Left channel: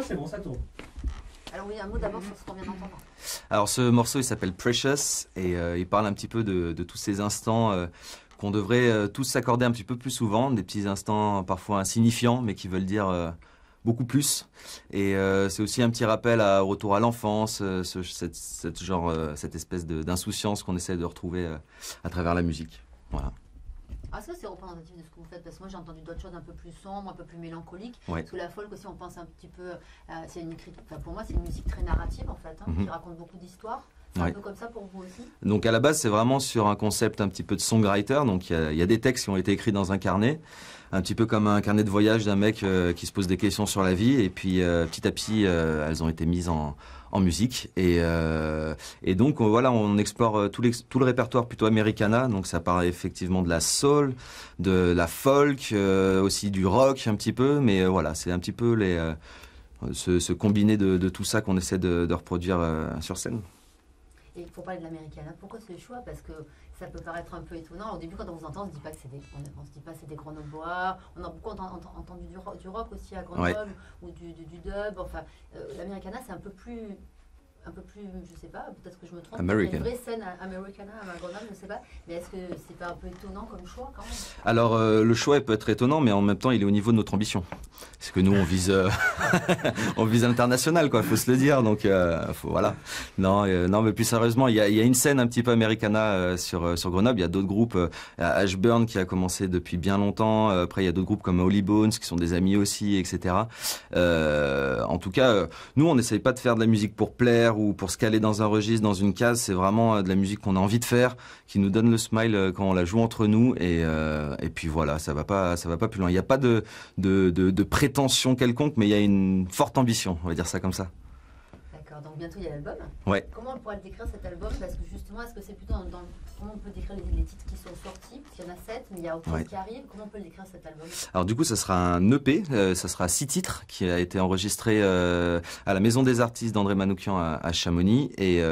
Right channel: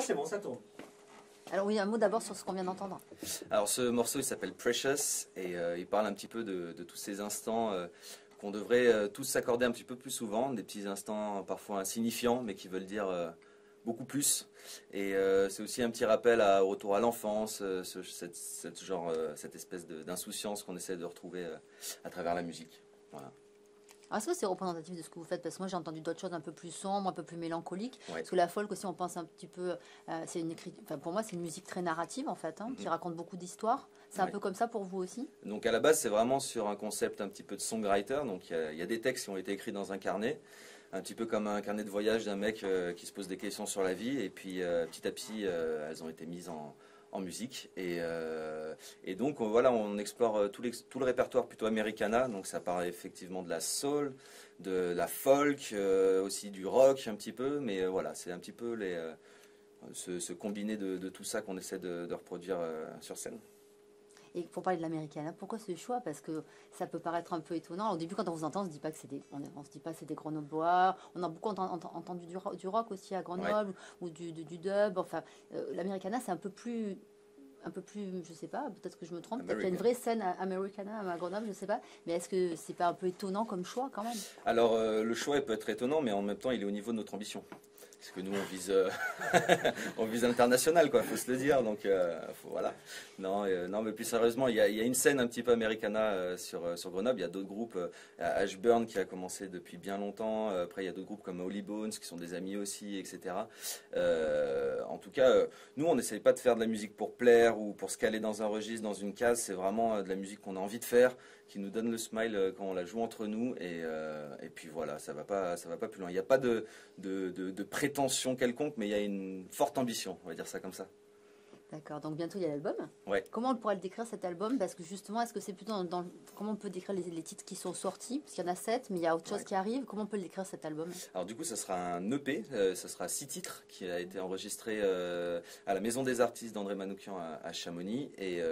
s'approche, c'est bon, ça tourne. Alors oui, un mot d'abord sur ce qu'on vient d'entendre. Alors ce morceau il s'appelle Precious et il parle un petit peu de tous ces instants qu'on devrait tous s'accorder un petit peu plus souvent, des petits instants parfois insignifiants mais qui veulent dire beaucoup plus. Et c'est aussi un petit rappel au retour à l'enfance, cette espèce d'insouciance qu'on essaie de retrouver à travers la musique. Voilà. Est-ce que c'est représentatif de ce que vous faites? Parce que moi j'ai entendu d'autres choses un peu plus sombres, un peu plus mélancoliques. Ouais. Parce que la folk aussi, on pense un petit peu, c'est une écriture. Enfin, pour moi, c'est une musique très narrative en fait, qui raconte beaucoup d'histoires. C'est un peu comme ça pour vous aussi? Donc à la base, c'est vraiment sur un concept un petit peu de songwriter. Donc il y a des textes qui ont été écrits dans un carnet, un petit peu comme un carnet de voyage d'un mec qui se pose des questions sur la vie. Et puis petit à petit, elles ont été mises en musique et donc voilà, on explore tout le répertoire plutôt Americana, donc ça part effectivement de la soul, de la folk, aussi du rock un petit peu, mais voilà, c'est un petit peu ce combiné de tout ça qu'on essaie de reproduire sur scène. Et pour parler de l'Americana, pourquoi ce choix? Parce que ça peut paraître un peu étonnant. Au début, quand on vous entend, on se dit pas que c'est des Grenoblois. On a beaucoup entendu du rock aussi à Grenoble, ou du dub. Enfin, l'Americana, c'est un peu plus, je sais pas, peut-être que je me trompe. Il y a une vraie scène Americana à Grenoble, je sais pas. Mais est-ce que c'est pas un peu étonnant comme choix quand même? Alors, le choix peut être étonnant, mais en même temps, il est au niveau de notre ambition. Parce que nous, on vise, on vise l'international, quoi. Faut se le dire. Donc, voilà. Non, mais plus sérieusement, il y a une scène un petit peu Americana sur Grenoble. Il y a d'autres groupes. Ashburn qui a commencé depuis bien longtemps. Après, il y a d'autres groupes comme Holy Bones qui sont des amis aussi, etc. En tout cas, nous, on n'essaye pas de faire de la musique pour plaire ou pour se caler dans un registre, dans une case. C'est vraiment de la musique qu'on a envie de faire, qui nous donne le smile quand on la joue entre nous. Et puis voilà, ça va pas plus loin. Il n'y a pas de prétention quelconque, mais il y a une forte ambition, on va dire ça comme ça. D'accord, donc bientôt il y a l'album. Ouais. Comment on pourrait le décrire cet album? Parce que justement, est-ce que c'est plutôt comment on peut décrire les titres qui sont sortis? Parce qu'il y en a 7, mais il y a autre chose qui arrive. Comment on peut le décrire cet album? Alors du coup, ça sera un EP, ça sera 6 titres qui a été enregistré à la Maison des Artistes d'André Manoukian à Chamonix. Et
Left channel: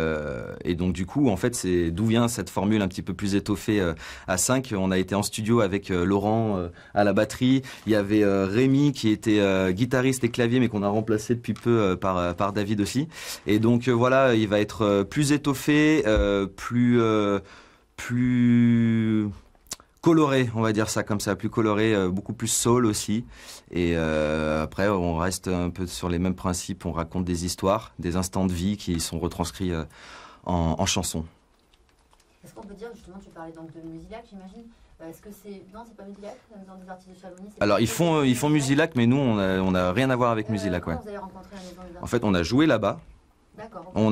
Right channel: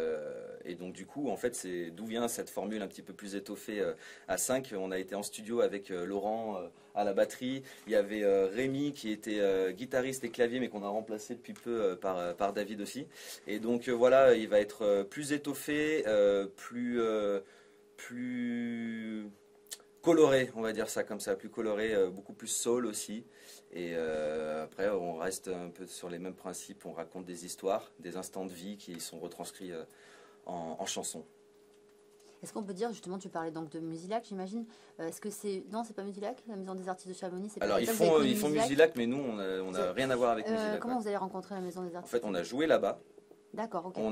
donc du coup, en fait, c'est d'où vient cette formule un petit peu plus étoffée à 5. On a été en studio avec Laurent à la batterie. Il y avait Rémi qui était guitariste et clavier, mais qu'on a remplacé depuis peu par David aussi. Et donc voilà, il va être plus étoffé, plus coloré, on va dire ça comme ça, plus coloré, beaucoup plus soul aussi. Et après, on reste un peu sur les mêmes principes. On raconte des histoires, des instants de vie qui sont retranscrits en chansons. Est-ce qu'on peut dire, justement, tu parlais donc de Musilac, j'imagine. Est-ce que c'est... Non, c'est pas Musilac, la Maison des Artistes de Chamonix? Alors, ils font Musilac, mais nous, on a rien à voir avec Musilac. Comment vous avez rencontré la Maison des Artistes? En fait, on a joué là-bas. D'accord. Okay.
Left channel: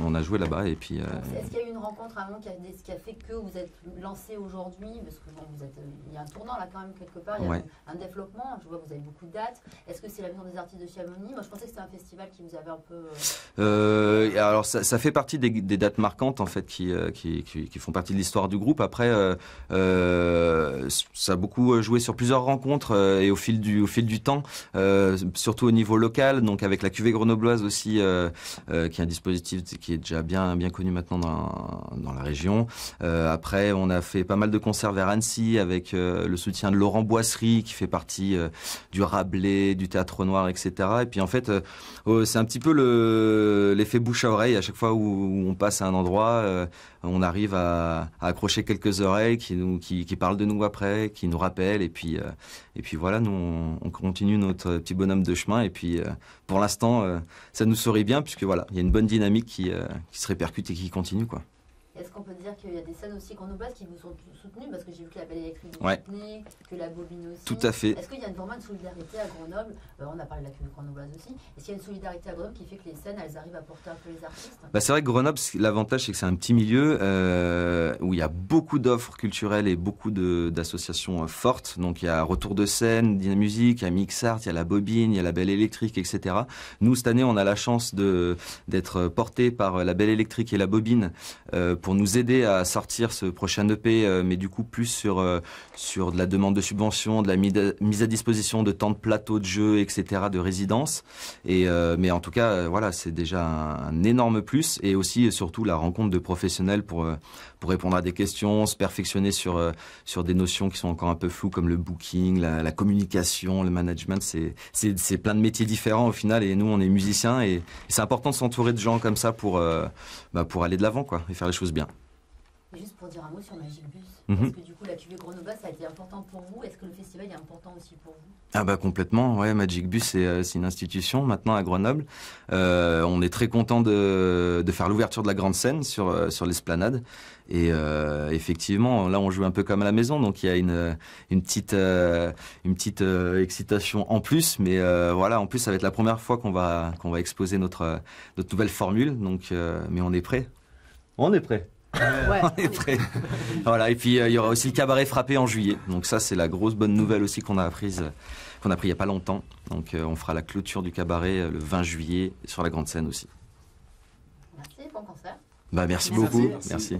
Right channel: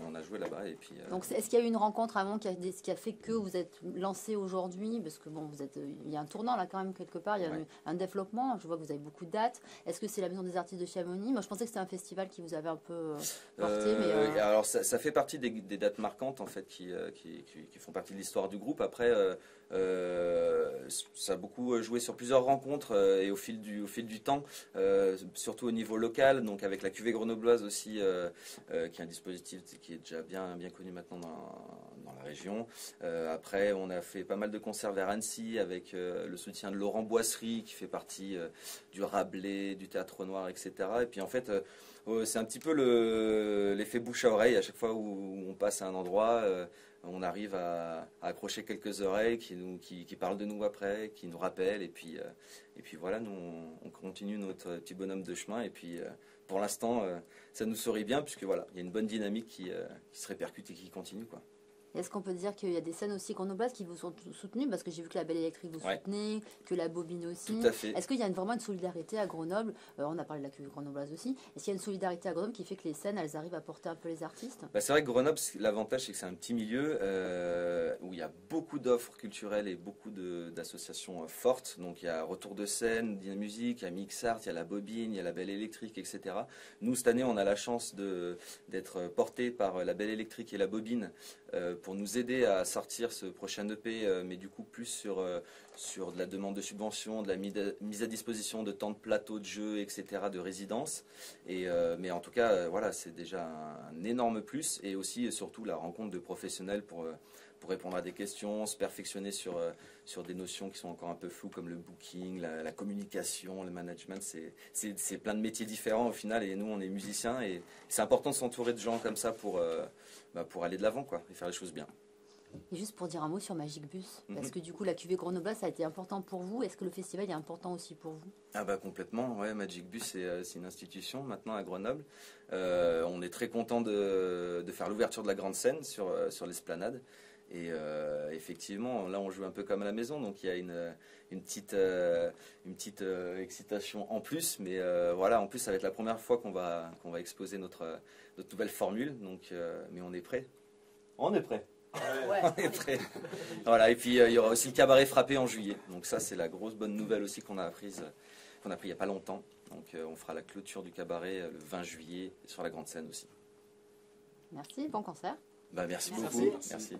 On a joué là-bas et puis. Est-ce qu'il y a eu une rencontre avant qui a fait que vous êtes lancé aujourd'hui? Parce que bon, il y a un tournant là quand même quelque part, il y a un développement. Je vois que vous avez beaucoup de dates. Est-ce que c'est la Maison des Artistes de Chamonix? Moi, je pensais que c'était un festival qui vous avait un peu. Alors, ça fait partie des dates marquantes en fait qui font partie de l'histoire du groupe. Après, ça a beaucoup joué sur plusieurs rencontres et au fil du temps, surtout au niveau local, donc avec la cuvée grenobloise aussi. Qui est un dispositif qui est déjà bien connu maintenant dans la région. Après, on a fait pas mal de concerts vers Annecy avec le soutien de Laurent Boisserie qui fait partie du Rabelais, du Théâtre Noir, etc. Et puis en fait, c'est un petit peu l'effet bouche à oreille. À chaque fois où on passe à un endroit, on arrive à accrocher quelques oreilles qui parlent de nous après, qui nous rappellent. Et puis voilà, nous on continue notre petit bonhomme de chemin. Et puis pour l'instant, ça nous sourit bien puisque voilà, il y a une bonne dynamique qui se répercute et qui continue, quoi. Est-ce qu'on peut dire qu'il y a des scènes aussi grenobloises qui vous sont soutenues? Parce que j'ai vu que la Belle Électrique vous soutenait, que la Bobine aussi. Tout à fait. Est-ce qu'il y a vraiment une solidarité à Grenoble? On a parlé de la cuvée grenobloise aussi. Est-ce qu'il y a une solidarité à Grenoble qui fait que les scènes, elles arrivent à porter un peu les artistes? C'est vrai que Grenoble, l'avantage, c'est que c'est un petit milieu où il y a beaucoup d'offres culturelles et beaucoup d'associations fortes. Donc il y a Retour de scène, Dynamusique, il y a Mixart, il y a la Bobine, il y a la Belle Électrique, etc. Nous, cette année, on a la chance d'être portés par la Belle Électrique et la Bobine pour nous aider à sortir ce prochain EP, mais du coup plus sur de la demande de subventions, de la mise à disposition de temps de plateau de jeu, etc., de résidence. Mais en tout cas, voilà, c'est déjà un énorme plus, et aussi et surtout la rencontre de professionnels pour répondre à des questions, se perfectionner sur des notions qui sont encore un peu floues comme le booking, la communication, le management. C'est plein de métiers différents au final, et nous on est musiciens, et c'est important de s'entourer de gens comme ça pour aller de l'avant, quoi, et faire les choses bien. Juste pour dire un mot sur Magic Bus, Mhm. est-ce que du coup la cuvée Grenoble ça a été important pour vous? Est-ce que le festival est important aussi pour vous? Ah bah complètement, ouais, Magic Bus c'est une institution maintenant à Grenoble. On est très content de faire l'ouverture de la grande scène sur l'esplanade. Et effectivement, là on joue un peu comme à la maison, donc il y a une petite excitation en plus. Mais voilà, en plus ça va être la première fois qu'on va exposer notre nouvelle formule. Donc, mais on est prêt. On est prêt. Ouais. On est prêt. Voilà, et puis il y aura aussi le cabaret frappé en juillet. Donc ça c'est la grosse bonne nouvelle aussi qu'on a appris il y a pas longtemps. Donc on fera la clôture du cabaret le 20 juillet sur la grande scène aussi. Merci, bon concert. Bah merci Merci. beaucoup. Merci.